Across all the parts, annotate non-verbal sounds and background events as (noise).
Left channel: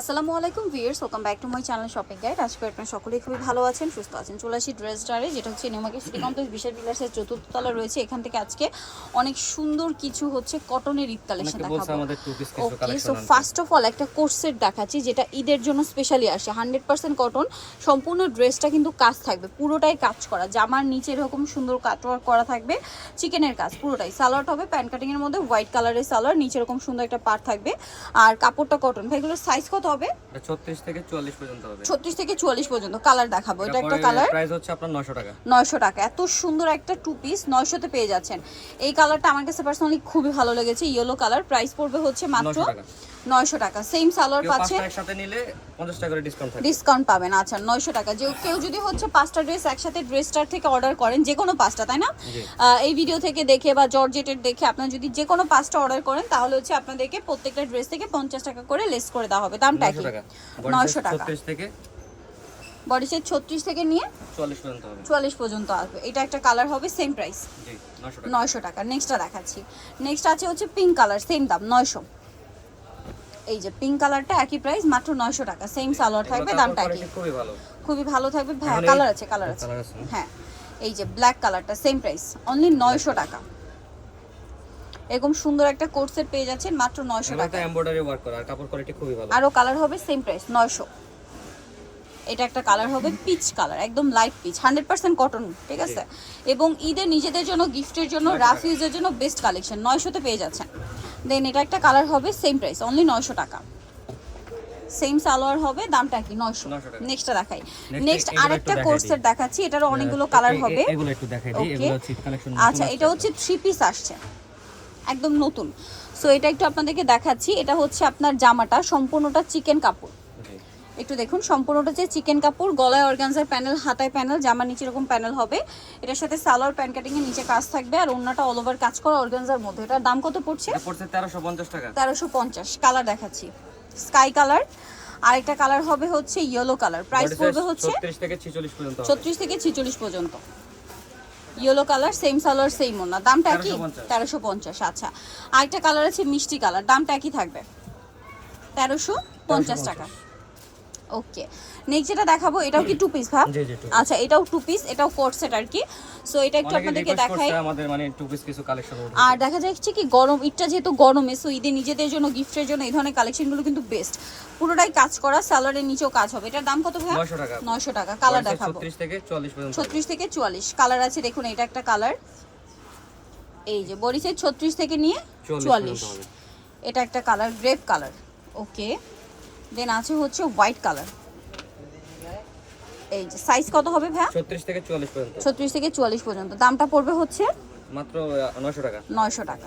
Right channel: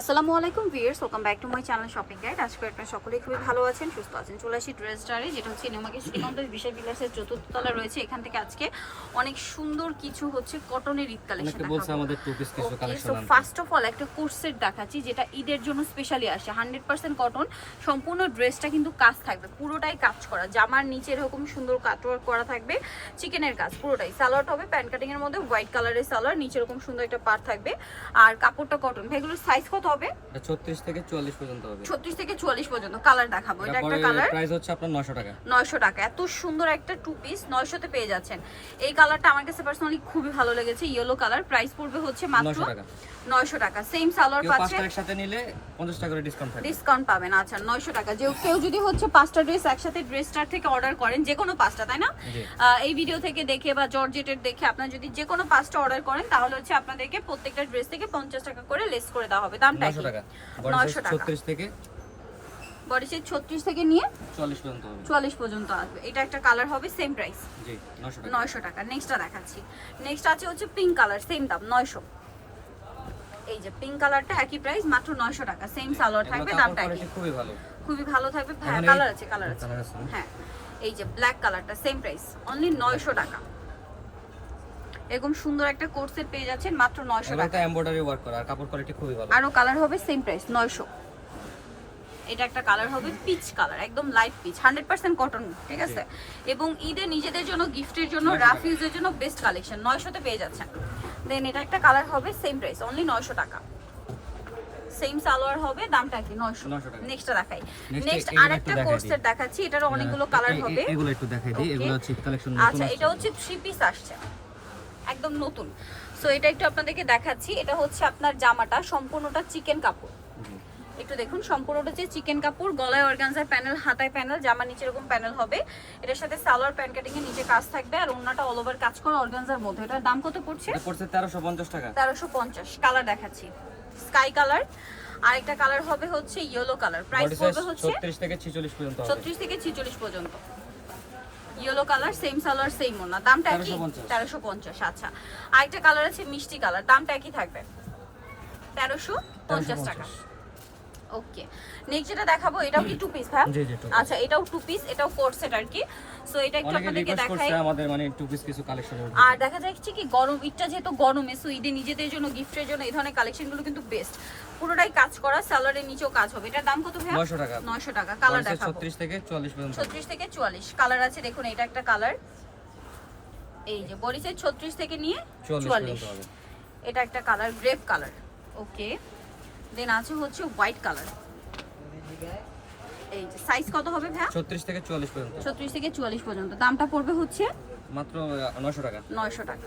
আসসালামু আলাইকুম viewers welcome back to my channel shopping guide আজকে আপনারা সকলেই খুবই ভালো আছেন সুস্থ আছেন। চলে আসি ড্রেস স্টারে যেটা হচ্ছে নিউমার্কেট সিটি কমপ্লেক্স বিশাল বিলাসের চতুর্থ তলা রয়েছে। এখান থেকে আজকে অনেক সুন্দর কিছু হচ্ছে কটনের ঈদ কালেকশন দেখাবো। Okay so first of all একটা কোর্সেট দেখাচ্ছি যেটা ঈদের জন্য স্পেশালি আসে। হান্ড্রেড পার্সেন্ট কটন সম্পূর্ণ ড্রেসটা কিন্তু কাজ থাকবে পুরোটাই কাজ করা। জামার নিচে এরকম সুন্দর কাটওয়ার্ক করা থাকবে চিকেনের কাজ পুরোটাই। স্যালাড হবে প্যান্ট কাটিং এর মধ্যে হোয়াইট কালারের স্যালাড নিচে এরকম সুন্দর একটা পার থাকবে। আর কাপড়টা কটন ভাই এগুলোর সাইজ কত হবে? এটা 36 থেকে 44 পর্যন্ত হবে। ছত্রিশ থেকে চুয়াল্লিশ পর্যন্ত। কালার দেখাবো। এটা একটা কালার প্রাইস হচ্ছে আপনার 900 টাকা। নয়শো টাকা। এত সুন্দর একটা টু পিস নয়শোতে পেয়ে যাচ্ছেন। এই কালারটা আমার কাছে পার্সোনালি খুবই ভালো লেগেছে। ইয়েলো কালার প্রাইস পড়বে হচ্ছে মাত্র 900 টাকা। নয়শো টাকা। সেম সালোয়ার কেউ পাচ্ছে। পাঁচটা একসাথে নিলে 50 টাকা করে ডিসকাউন্ট থাকবে। ডিসকাউন্ট পাবেন। আচ্ছা নয়শো টাকা। যে কেউ যদি হচ্ছে পাঁচটা ড্রেস একসাথে ড্রেসটার থেকে অর্ডার করেন যে কোনো পাঁচটা তাই না? এই ভিডিও থেকে দেখে বা জর্জেটের দেখে আপনার যদি যে কোনো পাঁচটা অর্ডার করেন তাহলে হচ্ছে আপনাদেরকে প্রত্যেকটা ড্রেস থেকে পঞ্চাশ টাকা করে লেস করে দেওয়া হবে। দামটা কি 900 টাকা। বডি 900 36 থেকে? বডি নিয়ে 40 পর্যন্ত হবে। চুয়াল্লিশ পর্যন্ত আসবে। এটা একটা কালার হবে সেম প্রাইস জি 900 টাকা। নেক্সটটা দেখাচ্ছি। নেক্সট আছে হচ্ছে পিঙ্ক কালার সেম দাম নয়শো। এই যে পিঙ্ক কালারটা একই প্রাইস মাত্র নয়শো টাকা। সেম সালোয়ার থাকবে দামটা একই। খুবই ভালো। খুবই ভালো থাকবে। হ্যাঁ কালার আছে কালার আছে। কালার আছে? হ্যাঁ। এই যে ব্ল্যাক কালারটা সেম প্রাইস অনলি নয়শো টাকা। এরকম সুন্দর একটা কোর্সের পেয়ে যাচ্ছেন মাত্র নয়শো এগুলো তো টাকা। এমব্রয়ডারি ওয়ার্ক করা আর কাপড় কোয়ালিটি খুবই ভালো। আরও কালার হবে সেম প্রাইস নয়শো। এটা একটা কালার হবে পিচ কালার একদম light peach hundred percent cotton ঠিক আছে? এবং ঈদের নিজেদের জন্য গিফটের জন্য 900 রাফ ইউজের জন্য বেস্ট কালেকশন নয়শোতে পেয়ে যাচ্ছেন। দেন এটা একটা কালার হবে সেম প্রাইস অনলি নয়শো টাকা। সেম সালোয়ার হবে দামটা কি? নয়শো। 900 টাকা। নেক্সটটা দেখাই। নেক্সট আরেকটা কোর্সের দেখাচ্ছি এটারও অনেকগুলো কালার হবে। এগুলো একটু দেখাই দিই এগুলো হচ্ছে কালেকশন আচ্ছা এটা হচ্ছে থ্রি পিস আসছে। একদম নতুন। সো এটা একটু আপনাদেরকে দেখাচ্ছি। এটা হচ্ছে আপনার জামাটা সম্পূর্ণটা চিকেন কাপড়। একটু দেখুন সম্পূর্ণটা যে চিকেন কাপড় গলায় অর্গানজার প্যানেল হাতায় প্যানেল জামার নিচে এরকম প্যানেল হবে। এটার সাথে সালোয়ার প্যান্ট কাটিং এর নিচে কাজ থাকবে আর অন্যটা অল ওভার কাজ করা অর্গানজার মধ্যে। এটার দাম কত পড়ছে? এটা পড়ছে 1350 টাকা। তেরোশো পঞ্চাশ। কালার দেখাচ্ছি। স্কাই কালার আরেকটা কালার হবে হচ্ছে ইয়েলো কালার প্রাইস পড়বে হচ্ছে 36 থেকে 46 পর্যন্ত হবে। ছত্রিশ থেকে ছিচল্লিশ পর্যন্ত। Yellow colour same salwar same ওনা দামটা একই? 1350 তেরোশো পঞ্চাশ আচ্ছা। আরেকটা কালার আছে মিষ্টি কালার দামটা একই থাকবে? তেরোশো পঞ্চাশ। টাকা। ওকে নেক্সট যেটা দেখাবো এটাও কি টু পিস ভাই জি জি টু আচ্ছা এটাও টু পিস এটাও ফোর সেট আর কি। সো এটা একটু আপনাদেরকে দেখাই। আমাদের মানে টু পিস কিছু কালেকশন আর দেখা যাচ্ছে কি গরম ঈদটা যেহেতু গরমে সো ঈদে নিজেদের জন্য গিফটের জন্য এই ধরনের কালেকশনগুলো কিন্তু বেস্ট পুরোটাই কাজ করা স্যালারের নিচেও কাজ হবে। এটার দাম কত ভাই 900 টাকা। নয়শো টাকা। কালার দেখাবো। 36 থেকে 44 পর্যন্ত। হবে। ছত্রিশ থেকে চুয়াল্লিশ। কালার আছে দেখুন এটা একটা কালার এই যে সাইজ ছত্রিশ থেকে নিয়ে 44 চুয়াল্লিশ। পর্যন্ত হবে। এটা একটা colour grape colour okay then আছে হচ্ছে হোয়াইট কালার এই যে সাইজ কত হবে ভাইয়া? 36 থেকে 44 পর্যন্ত। ছত্রিশ থেকে চুয়াল্লিশ পর্যন্ত। দামটা পড়বে হচ্ছে? মাত্র আহ, 900 টাকা। নয়শো টাকা।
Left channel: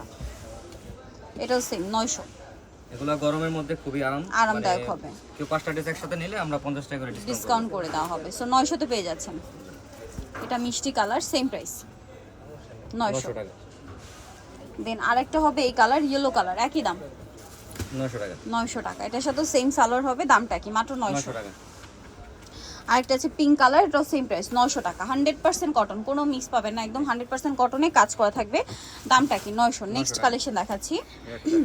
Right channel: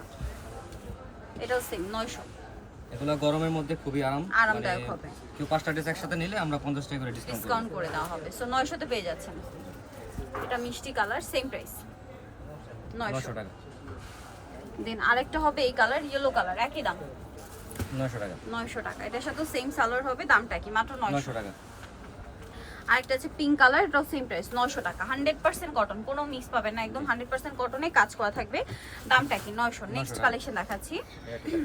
এটাও সেম নয়শো। এগুলো গরমের মধ্যে খুবই আরাম আরামদায়ক হবে। কেউ পাঁচটা ড্রেস একসাথে নিলে আমরা 50 টাকা করে ডিসকাউন্ট ডিসকাউন্ট করে দেওয়া হবে। সো নয়শোতে পেয়ে যাচ্ছেন। এটা মিষ্টি কালার সেম প্রাইস নয়শো। 900 টাকা। দেন আরেকটা হবে এই কালার ইয়েলো কালার একই দাম। 900 টাকা। এটার সাথে সেম সালোয়ার হবে দামটা কি? মাত্র নয়শো। 900 টাকা। আরেকটা আছে পিঙ্ক কালার এটাও সেম প্রাইস নয়শো টাকা। হান্ড্রেড পার্সেন্ট কটন কোনো মিক্স পাবেন না একদম হান্ড্রেড পার্সেন্ট কটনে কাজ করা থাকবে। দামটা কি? নয়শো। নেক্সট কালেকশন দেখাচ্ছি। এটা।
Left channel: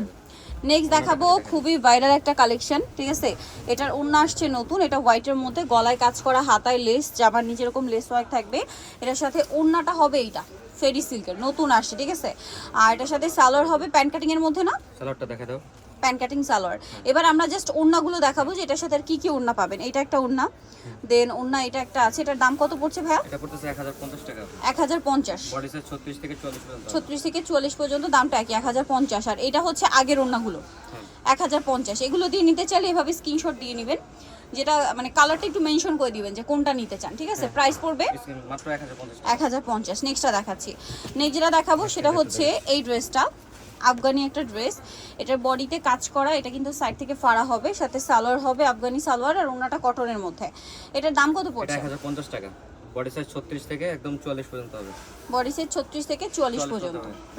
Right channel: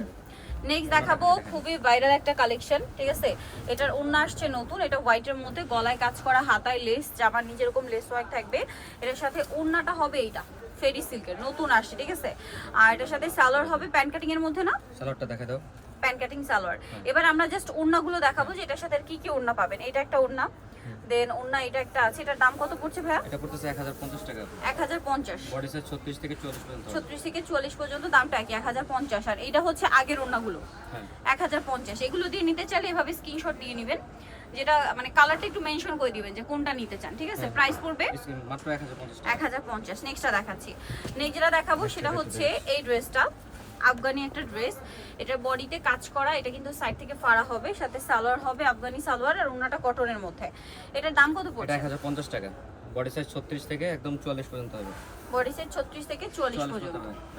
নেক্সট (clears throat) দেখাবো। খুবই ভাইরাল একটা কালেকশন ঠিক আছে? এটার ওন্না আসছে নতুন এটা হোয়াইটের মধ্যে গলায় কাজ করা হাতায় লেস জামার নিচে এরকম লেস ওয়ার্ক থাকবে। এটার সাথে ওন্নাটা হবে এইটা ফেরি সিল্কের নতুন আসছে ঠিক আছে? আর এটার সাথে সালোয়ার হবে প্যান্ট কাটিং এর মধ্যে না? সালোয়ারটা দেখে দাও। প্যান্ট কাটিং সালোয়ার এবার আমরা জাস্ট ওড়নাগুলো দেখাবো যে এটার সাথে আর কি কি ওড়না পাবেন। এটা একটা ওড়না। দেন ওড়না এটা একটা আছে। এটার দাম কত পড়ছে ভাইয়া? এটা পড়তেছে 1050 টাকা। এক হাজার পঞ্চাশ। বডি সাইজ 36 থেকে 40 পর্যন্ত। হবে। ছত্রিশ থেকে চুয়াল্লিশ পর্যন্ত দামটা একই এক হাজার পঞ্চাশ। আর এটা হচ্ছে আগের ওড়নাগুলো। হ্যাঁ। এক হাজার পঞ্চাশ। এগুলো দিয়ে নিতে চাইলে এভাবে স্ক্রিনশট দিয়ে নেবেন। যেটা মানে কালারটা একটু মেনশন করে দিবেন যে কোনটা নিতে চান। ঠিক আছে? প্রাইস পড়বে মাত্র 1050 টাকা। এক হাজার পঞ্চাশ। নেক্সটটা দেখাচ্ছি। নেক্সট যেটা দেখাবো সেটা হচ্ছে এই ড্রেসটা আফগানি একটা ড্রেস। এটার বডিতে কাজ করা এটা কিন্তু সাইড থেকে ফাড়া হবে সাথে সালোয়ার হবে আফগানি সালোয়ার আর ওনাটা কটনের মধ্যে। এটার দাম কত পড়ছে? এটা পড়ছে 1050 টাকা। বডি সাইজ 36 থেকে একদম 44 পর্যন্ত হবে। বডি সাইজ ছত্রিশ থেকে চুয়াল্লিশ 44 পর্যন্ত।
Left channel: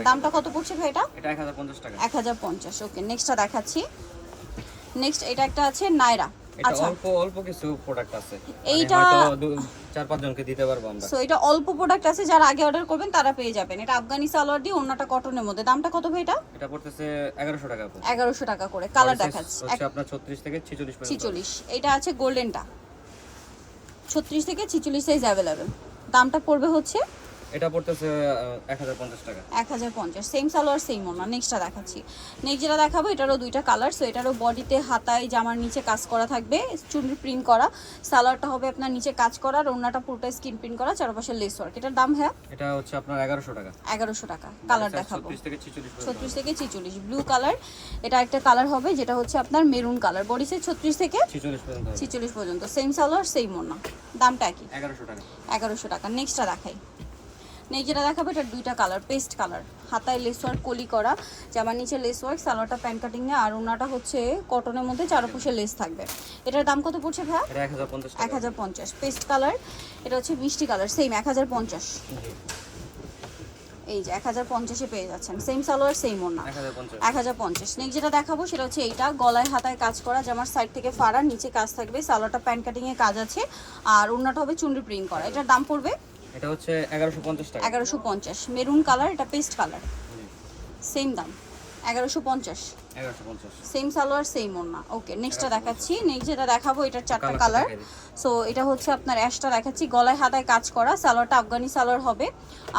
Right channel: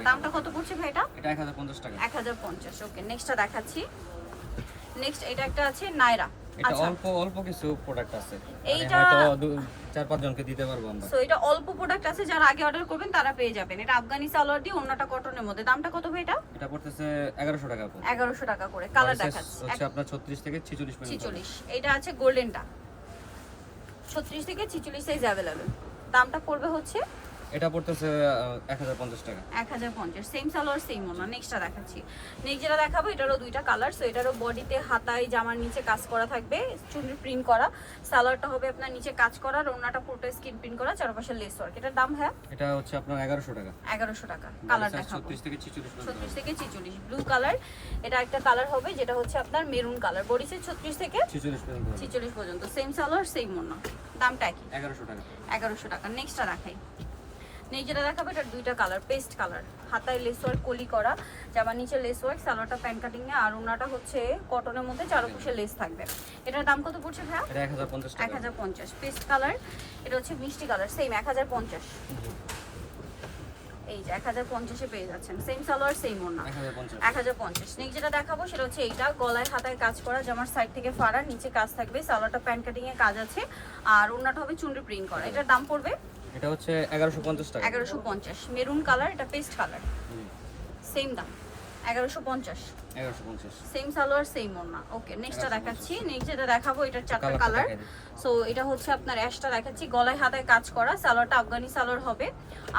দামটা কত পড়ছে ভাই এটা এটা 1050 টাকা। এক হাজার পঞ্চাশ। ওকে নেক্সটটা দেখাচ্ছি। নেক্সট এটা একটা আছে নাইরা এটা আচ্ছা। অল্প অল্প কিছু প্রোডাক্ট আছে। মানে এইটা- চার পাঁচ জনকে দিতে পারব আমরা। সো এটা অল্প প্রোডাক্ট আছে যারা আগে অর্ডার করবেন তারা পেয়ে যাবেন। এটা আফগানি সালোয়ার দিয়ে অন্যটা কটনের মধ্যে। দামটা কত ভাই এটা? এটা পড়তেছে এগারোশো টাকা আপু এগারোশো টাকা করে। কালার দেখাচ্ছি। হচ্ছে আপনার ছত্রিশ থেকে ছিচল্লিশ পর্যন্ত। হবে। ছিচল্লিশ। এটা আছে গোল্ডেনটা ছত্রিশ থেকে ছিচল্লিশ সাইজ অ্যাভেলেবেল দামটা পড়বে হচ্ছে এটা পড়তেছে এক হাজার পঞ্চাশ টাকা। এক হাজার পঞ্চাশ সেম সালোয়ার সেম ওনা নেক্সটটা দেখাচ্ছি। নেক্সট যেটা দেখাবো এটারও দুইটা কালার সো এটারও বডিতে হাতায় জামার নিচে কাজ করা থাকবে চুড়ি প্রিন্ট করা। সালোয়ারটা হবে আপনার নিচে কাজ করা আর ওনাটা পুরোটা স্কিন প্রিন্ট করা চারপাশে লেস ওয়ার্ক এটার দাম হ্যাঁ? এটা হচ্ছে আপনার এগারোশো টাকা। এগারোশো টাকা কালার দেখাবো। ছত্রিশ থেকে ছিচল্লিশ পর্যন্ত। ছত্রিশ হবে। থেকে ছিচল্লিশ ব্লু কালার এটা একটা কালার হবে যেটা হচ্ছে আপনার মেরুন কালার বডি সাইজ ছত্রিশ থেকে ছিচল্লিশ পর্যন্ত হবে। ছিচল্লিশ পর্যন্ত। সেম সালোয়ার সেম ওনা দামটা একই। এগারোশো টাকা। এগারোশো টাকা। নেক্সটটা দেখাই। নেক্সট যেটা দেখাবো এটা দুইটা কালার পেস্ট কালার হাতায় লেস ওয়ার্ক কলি করা। জামার নিচে লেস ওয়ার্ক সালোয়ারটা প্যান্ট কাটিং এ আর ওনাটা হচ্ছে কটনের মধ্যে চারপাশে লেস থাকবে। এটার দাম কত পড়ছে এটা এক হাজার পঞ্চাশ পেস্ট কালার এটা হচ্ছে মিষ্টি কালার সেম এক হাজার পঞ্চাশ। এই যে এক হাজার পঞ্চাশে পেয়ে যাচ্ছেন। সেম সালোয়ার সেম ওনা এক হাজার পঞ্চাশ। নেক্সট যেটা দেখাবো সেটা হচ্ছে এইটা। গলায় হাতায় কাজ করা জামার সাইড থেকে ফাড়া নিচে কাজ থাকবে। সালোয়ারটা প্যান্ট কাটিং এ কাজ আছে। আর ওনাটা হবে চুনরি প্রিন্ট করা। এটার দাম পড়বে এটা হচ্ছে 1150 টাকা। 1150 মেরুন কালার এটা পেস্ট কালার। সেম দাম। 1150 1150 সেম সালোয়ার সেম ওড়না। ওকে নেক্সটটা দেখাচ্ছি। নেক্সট যেটা দেখাবো এটা চারটা কালার সো এটা হচ্ছে আপনার অ্যাশটা দেখাচ্ছি। গলায় হাতায় কাজ করা সালোয়ারটা আফগানি সালোয়ার হবে।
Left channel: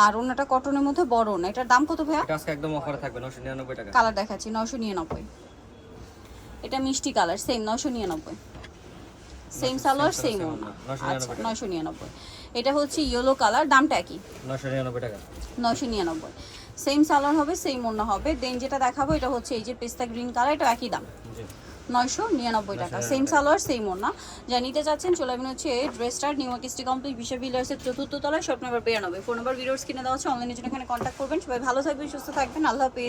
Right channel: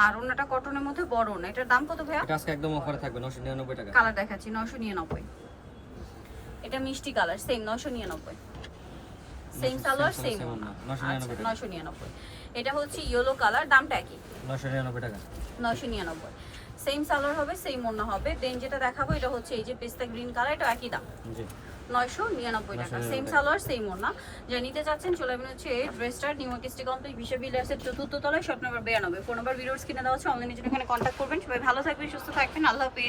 আর ওড়নাটা কটনের মধ্যে বড় ওড়না। এটার দাম কত ভাই আজকে একদম অফারে থাকবে 999 টাকা। কালার দেখাচ্ছি 999 এটা মিষ্টি colour same 999 same salwar same ওড়না। 999 999 এটা হচ্ছে ইয়েলো কালার দামটা একই। নশো নিরানব্বই টাকা। নশো নিরানব্বই। সেম সালোয়ার হবে সেম ওড়না হবে। দেন যেটা দেখাবো এটা হচ্ছে এই যে পেস্তা গ্রিন কালার এটা একই দাম। জি। নয়শো নিরানব্বই টাকা। সেম সালোয়ার সেম ওড়না যা নিতে চাচ্ছেন চলে আসবেন হচ্ছে ড্রেসটার নিউ কিস্টি কমপ্লিট বিশ্ব বিলাসের চতুর্থ তলায় শপ নাম্বার বিরানব্বই। ফোন নাম্বার ভিডিওস কিনে দেওয়া হচ্ছে অনলাইনের জন্য এখানে কন্ট্যাক্ট করবেন। সবাই ভালো থাকবেন সুস্থ থাকবেন। আল্লাহ হাফেজ।